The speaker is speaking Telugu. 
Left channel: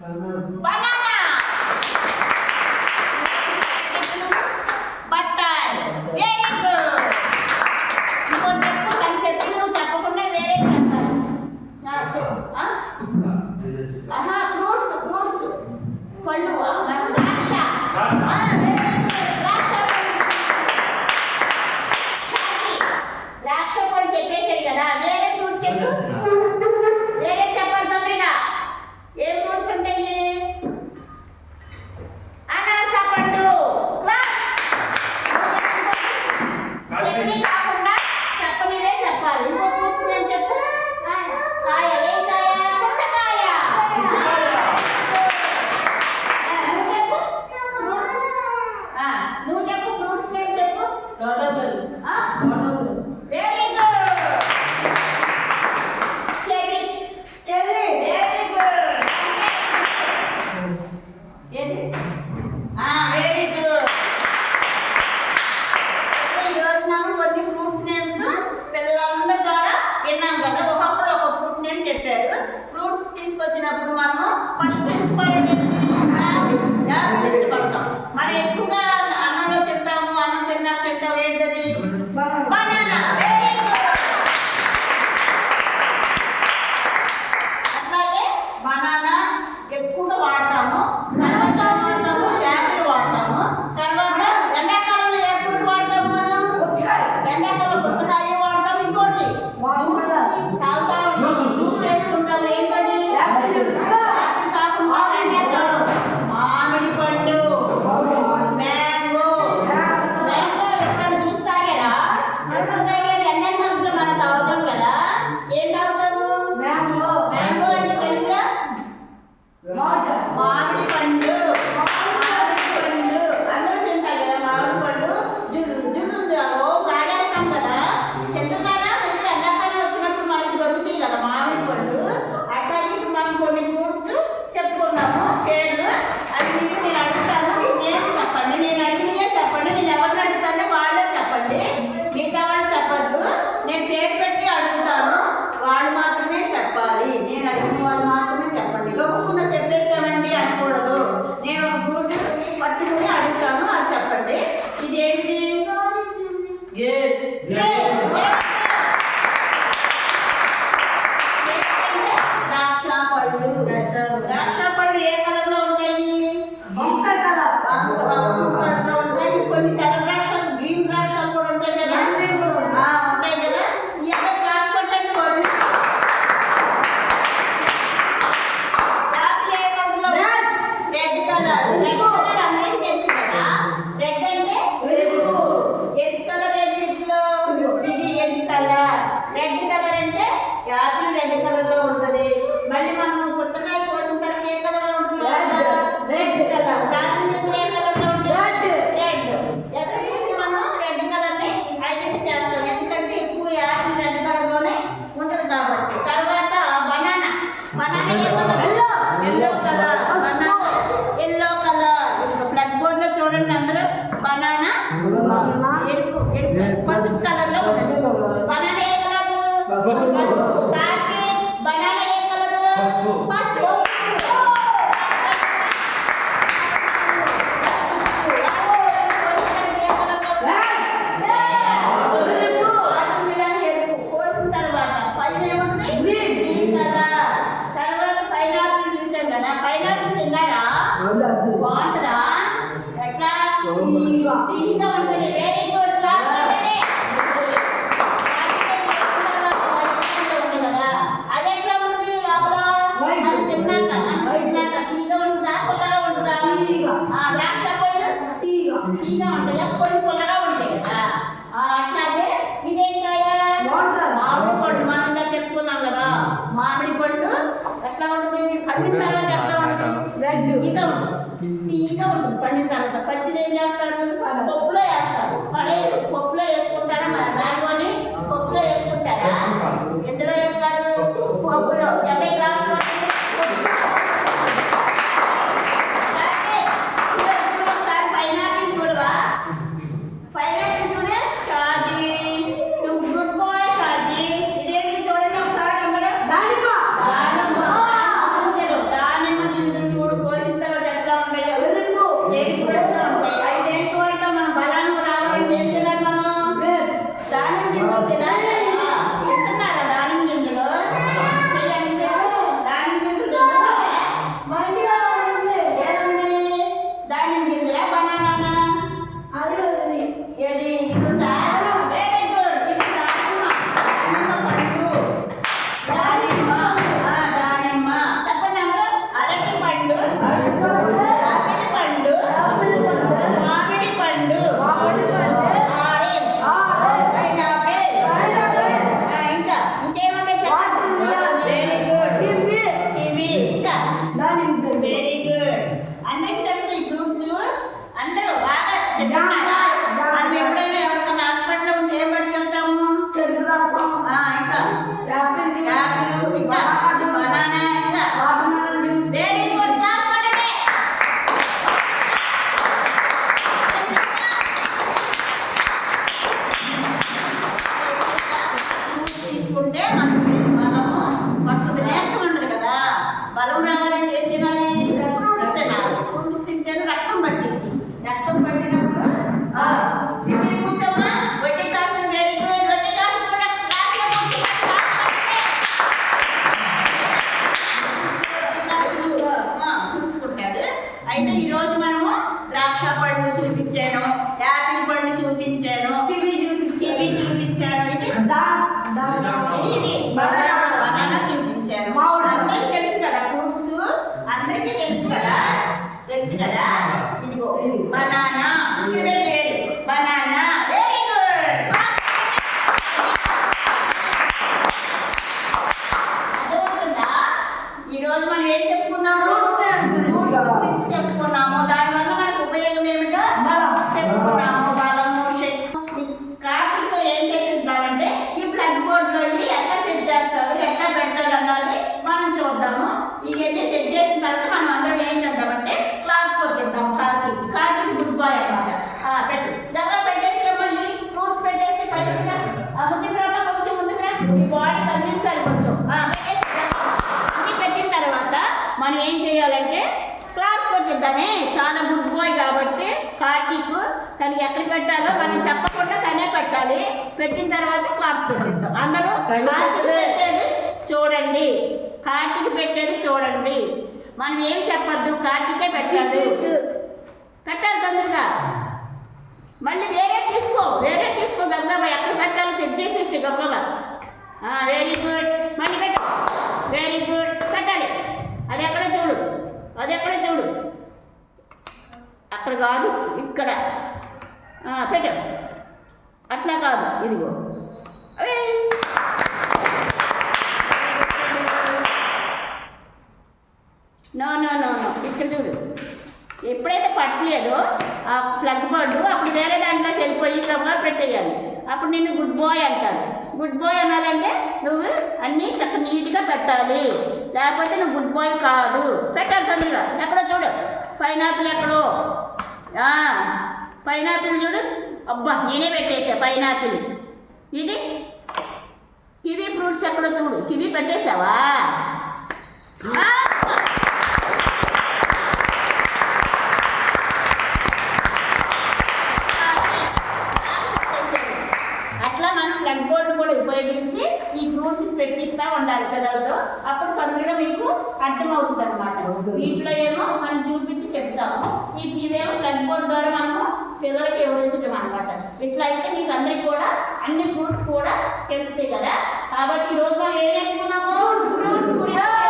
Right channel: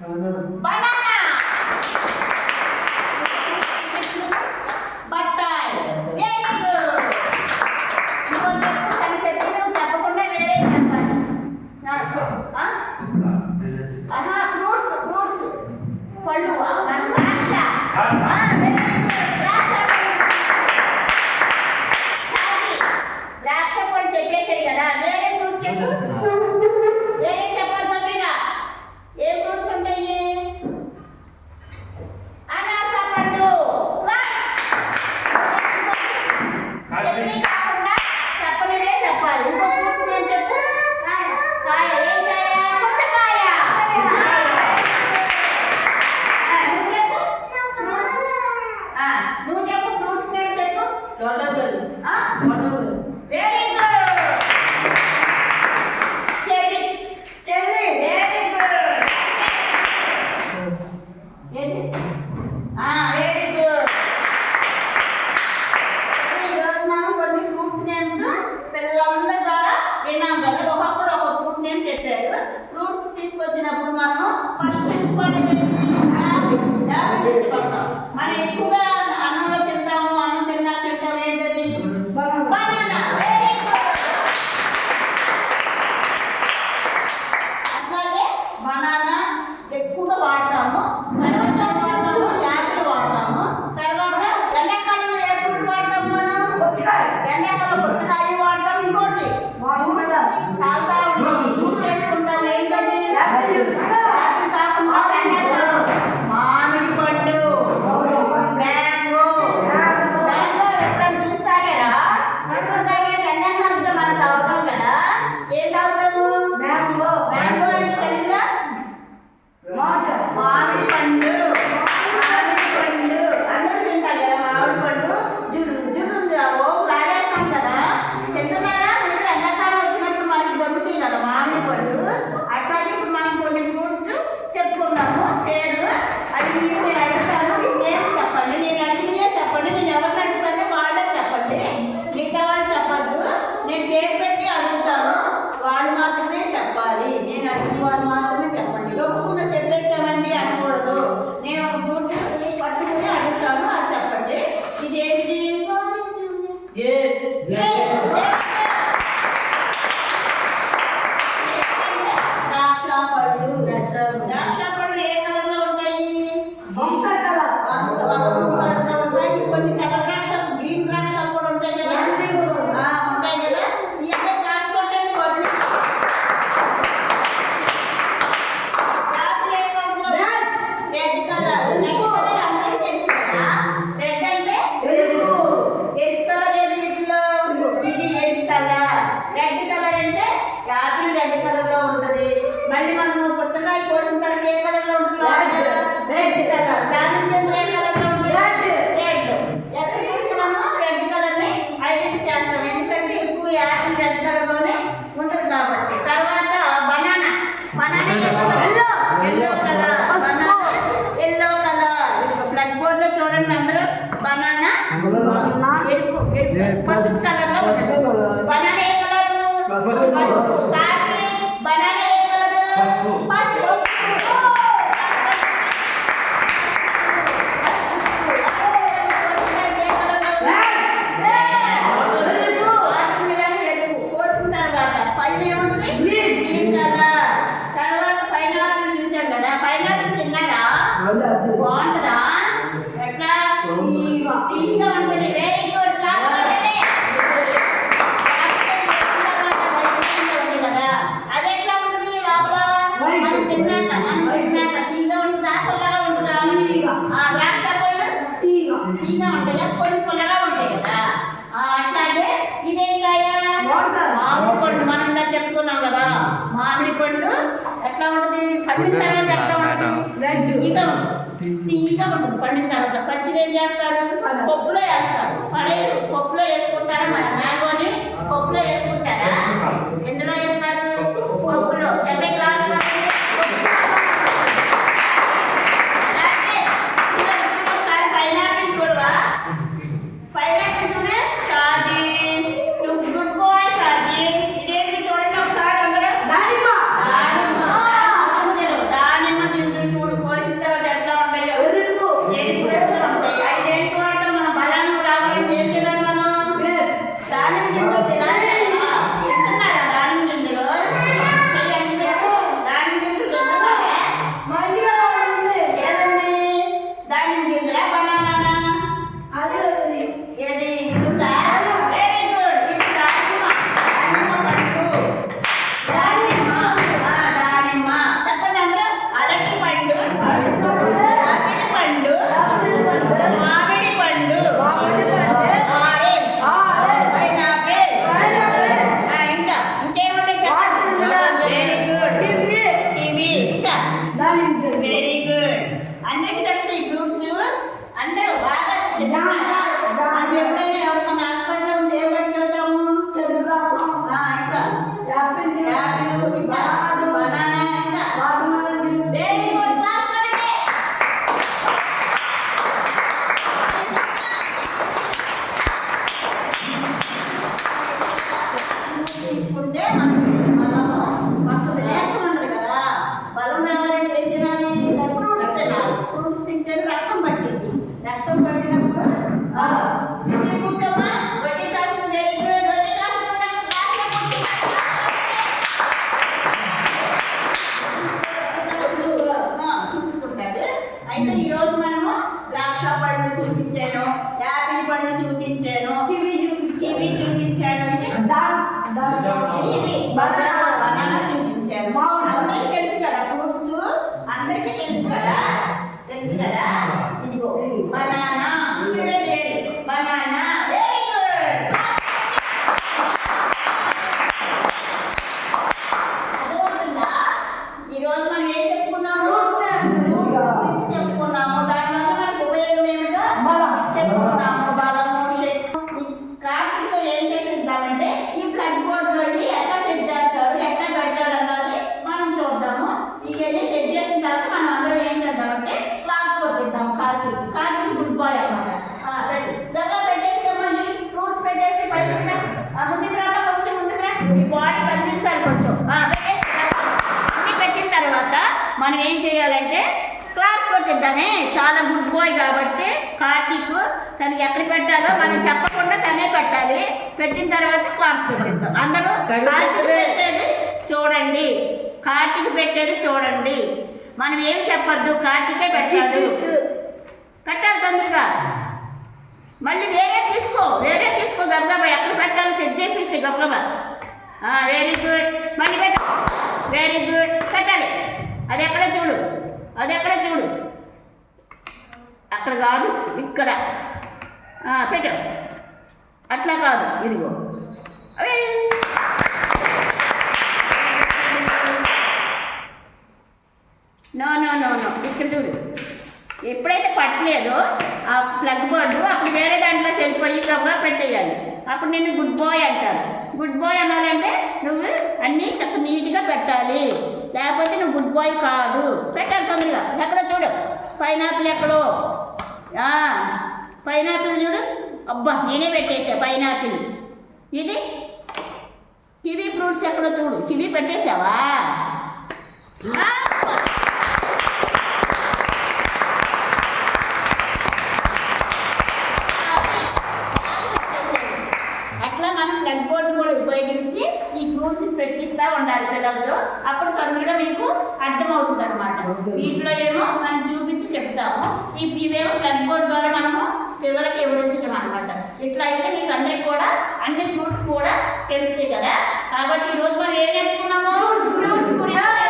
బనానా బత్తాయి. Very good. ఇంకో చెప్పు, తను చెప్పు, నువ్వు చెప్పకుండా వేరే చెప్పాలి. ఫ్రూట్స్ ఫ్రూట్స్ పళ్ళు ద్రాక్ష. ద్రాక్ష పళ్ళు చెప్పేసాడు కదా, వేరే ఫ్రూట్స్ చెప్పు. వేరే చెప్పాలి తొందరగా. ఏ ఫ్రూట్స్ ఉంటాయి? అనాస పండు. చెప్పని కాకుండా చెప్పనివే చెప్పాలి. ఇంకో ఫ్రూట్స్ నేను చెప్పు. కాయ. ఏం కాయ? పుచ్చకాయ. నువ్వు చెప్పు ఫ్రూట్స్. నువ్వు చెప్పు ఫ్రూట్స్ నేను చెప్పు. Very good. Cherries. Very good. ఏది? Very good. ఈరోజు మనం కొన్ని ఫ్రూట్స్ నేమ్స్ పిల్లలందరి ద్వారా విన్నాం కదా. ఒకప్పుడు ఒక ఫ్రూట్ నేమ్ చెప్పారు. ఫ్రూట్స్ తీసుకొచ్చినప్పుడు మనము ఫస్ట్ ఇష్టపడేది యాపిల్ ఇష్టపడతాం. మనం ఎక్కువగా అన్నంలో తింటాము. అన్నం తింటాం ఏంటది? బనానా. Very good. అట్లాగే బనానా ఎక్కువగా వాడతాము. తర్వాత వాడతాము యాపిల్ వాడతాము. తర్వాత ఎండాకాలంలో ఏ ఫ్రూట్ వాడతాము మనం? ఎండాకాలం పుచ్చకాయ వాడతాం. ఇంకోటి జ్యూస్ తాగుతాము, జ్యూస్ చేసుకుంటాం. ఏంటది? యాపిల్ కాకుండా ఎండాకాలం మామిడి పండు, మ్యాంగో. మ్యాంగో ఎక్కడ జ్యూస్ తాగారా? ఎప్పుడు తాగారు? ఎండాకాలంలో మనం తాగుతాం కదా. ఏం తాగుతాము? మ్యాంగో. మ్యాంగో అంటే తెలుగులో మామిడి పండు. మామిడి పండు అందరూ తింటారు కదా. మామిడి పండు జున్ను లాగేస్తాం కదా. తింటున్నారా? మీరు ఎండాకాలం వచ్చినప్పుడు మనకి దొరుకుతాయి కదా మామిడి పండు. అట్లాగే ఇప్పుడు మనం కొన్ని ఫ్రూట్స్ చెప్పుకున్నాము పేర్లు. అది మీరు నేను అడుగుతాను, మీరు నేను చెప్పండి. నేను అడిగినయే చెప్పండి. నేను ఎవరిని అడుగుతానో వాళ్ళే చెప్పండి. మిగతా వాళ్ళు చెప్పద్దు. నేను పేరు పెట్టి అడుగుతాను, వాళ్ళు మాత్రమే చెప్పాలి. నేను అడిగిన వాళ్ళు మాత్రమే చెప్పండి. గొప్పకున్న చెప్పేసామండి అనకూడదు. నేను ఒక ఫ్రూట్ పట్టుకుని అడుగుతాను, అది చెప్పండి. ఇది ఏంటి? ద్రాక్ష పళ్ళు. ద్రాక్ష పళ్ళు ఏ కలర్ లో ఉంటాయి? వంక కలర్ లో ఉంటాయి. కొన్ని తెల్ల ద్రాక్షలు, గ్రీన్ ద్రాక్షలు కూడా ఉంటాయి కదా. ఉంటాయి కదా. ఈ అబ్బాయి క్లాస్ కొట్టండి. Red colour. రెడ్ కలర్ అందరికీ తెలుసు కదా. రెడ్ అంటే ఎరుపు కలర్. ఏది ఇట్లో? ఇది ఎరుపు కలర్. రెడ్ కలర్ అంటే యాపిల్ రెడ్ కలర్ లో ఉంటుంది. మళ్ళీ మనం పుచ్చకాయ కోసిన తర్వాత ఏ కలర్ లో ఉంటుంది? Red colour. దానిమ్మ గింజలు ఏ కలర్ లో ఉంటుంది? రెడ్. ఎక్కడ చూసి మనం రెడ్ కలర్ ని ఐడెంటిఫై చేస్తాం. ఎందుకంటే ఎక్కువ యాపిల్ రెడ్ కలర్ లోనే ఉంటుంది కాబట్టి. తర్వాత బనానా. బనానా ఏ colour? Yellow colour. Banana yellow colour. ఇది బ్లాక్ బోర్డ్ లో చూడండి అందరూ. బనానా ఎరుపు పసుపు కలర్ లో ఉంటుంది. బనానా ఏ కలర్? పసుపు. సాకి బనానా ఏ కలర్? పసుపు. కోసిన తర్వాత పైన ఏముంటుంది? Green colour. తర్వాత పైనాపిల్ చూసాం కదా. పైనాపిల్ తిన్నారా? బాగుంటుందా? ఎట్లా? తీగా ఉంటుంది. Very good. క్లాస్ ఉంది కదా. అది ఎట్లా ఉంటుంది? లోపల మనం తిన్నాక తీగా ఉంటుందా? పుల్లగా ఉంటుందా? ద్రాక్ష పళ్ళు తీగా ఉంటాయా? కొన్ని పుల్లగా ఉంటాయి కదా. అట్లాగే ఇదేం కాయ? మామిడి పండు. మనం ఇందా చెప్పుకున్నాం కదా. మామిడి పండు ఎట్లా ఉంటుంది? పండిన తర్వాత ఎట్లా ఉంటుంది? తీగా ఉంటుంది. పండిన తర్వాత పచ్చిది ఏం చేస్తారు? పప్పులో వేస్తారు. పడేరు పప్పులో వేసుకుంటారా? మ్యాంగోని పప్పులో వేసుకుంటారా? ఎందులో వేస్తారు? పప్పులో. 70 గ్లాస్ ఒకసారి పైనాపిల్ చూడవా? పైనాపిల్ చూడే. Shaji good boy Shaji. ఇదేంటి చూడండి ఒకసారి అందరూ. దానిమ్మ గింజలు. దానిమ్మ గింజలు అయితే ఈ రోజు మనము ద్రాక్ష పండు చూపించాను, యాపిల్ పండు చూపించాను, కివి చూపించాను, ఇది బనానా చూపించాను. అందరికి తెలుసు కదా ఫ్రూట్స్, అందరికీ తెలుసు కదా, ఇదిగో బనానా, బనానా. Very good. అర్థమవుతుందా? ఈరోజు మనం ఏం చెప్పుకున్నాము? చెప్పుకున్నాము. దానివల్ల మనకు ఉపయోగం ఏమిటో చెప్పుకున్నాము. బలము, శక్తి. కార్తీక్తో ఏం చేపిస్తామంటే ఈ ప్లగ్ బోర్డులో ఎట్లా సెట్ చేస్తాడు, ఎట్లా పెడతాడు అన్నది మనం చూద్దాము. ఇవన్నీ సెట్ చేసిన తర్వాత మనం అందరం ఏం చేద్దామంటే క్లాస్ కొట్టిద్దాం. కార్తీక్ గుడ్ బాయ్ అన్నమాట. పెట్టు దగ్గర పెట్టేసేమో, ఈ ఫ్రూట్స్ పెట్టేసి పైకి ముందుకు రా, కొంచెం ముందుకు రా, ఈ బాడీ కనిపించాలి కొంచెం. పెట్టేసి ఇది పెట్టిన తర్వాత మనం ఏం చేయాలంటే క్లాస్ కొట్టిద్దామే. చాలా గుడ్ బాయ్ కాబట్టి కార్తీక్ తనకి ఎక్కడ పెట్టాలో మనం చెప్పకుండా తనే పెట్టాలి. పెట్టిన తర్వాత క్లాస్ కొట్టిద్దాం. అందరూ కార్తీక్ పెట్టేది చూడండి, మనం ఏం చెప్పద్దు, కార్తీకే పెడతాడు. పెట్టాలి తొందరగా. మళ్ళీ వేరే తీసుకో గబగబా, ఎక్కడ పెట్టాలో చెక్ చేసేసి గబగబా. Very good. మళ్ళీ పెట్టు. Very good. పెట్టాలి. అది ఎక్కడ చూడు, అక్కడ కాదు, ఇక్కడ పెట్టు. అట్లా కాదు, ఇదిగో. నో, ఇక్కడ చూడు. ఎప్పుడైతే పట్టలేదో ఆ ప్లగ్ బోర్డు అప్పుడు వేరే దాంట్లోకి వెళ్ళిపోయి కబా పెట్టేయాలి. అప్పుడు నిన్ను గుడ్ బాయ్ అంటారు. గుడ్ బాయ్ అనాలంటే నువ్వు అన్నీ చక్కగా నీట్గా పెట్టాలి, లేకపోతే నువ్వు గుడ్ బాయ్ కాదు. పెట్టాలి తొందరగా. ఎక్కడో చూడు, పైనాపిల్ ఎక్కడో, పైనాపిల్ చూడు. అబ్బా, నేనే పెట్టేసా పైనాపిల్. ఇది కివీ ఫ్రూట్స్ ఎక్కడో చూడు. కివీ పెట్టేసావా? అట్లా మనం ప్లగ్ బోర్డు కూడా ఉపయోగించి ఈ ఫ్రూట్స్ పెట్టిస్తూ ఉండాలి పిల్లలతో. అప్పుడు తొందరగా మీకు అర్థమవుతుంది అనమాట. వీటిలో ఏమో మనం చూపించి చెప్తాము, ఇవేమో ప్లగ్ బోర్డు ద్వారా మనము పిల్లలకి వివరించడం అనమాట. ఇట్లా అయితే మీకు అందరికి కూడా అన్ని ఫ్రూట్స్ కూడా తెలుస్తాయి కదా. కాబట్టి ఈరోజు మనం ఏం నేర్చుకున్నాము? ఫ్రూట్స్ గురించి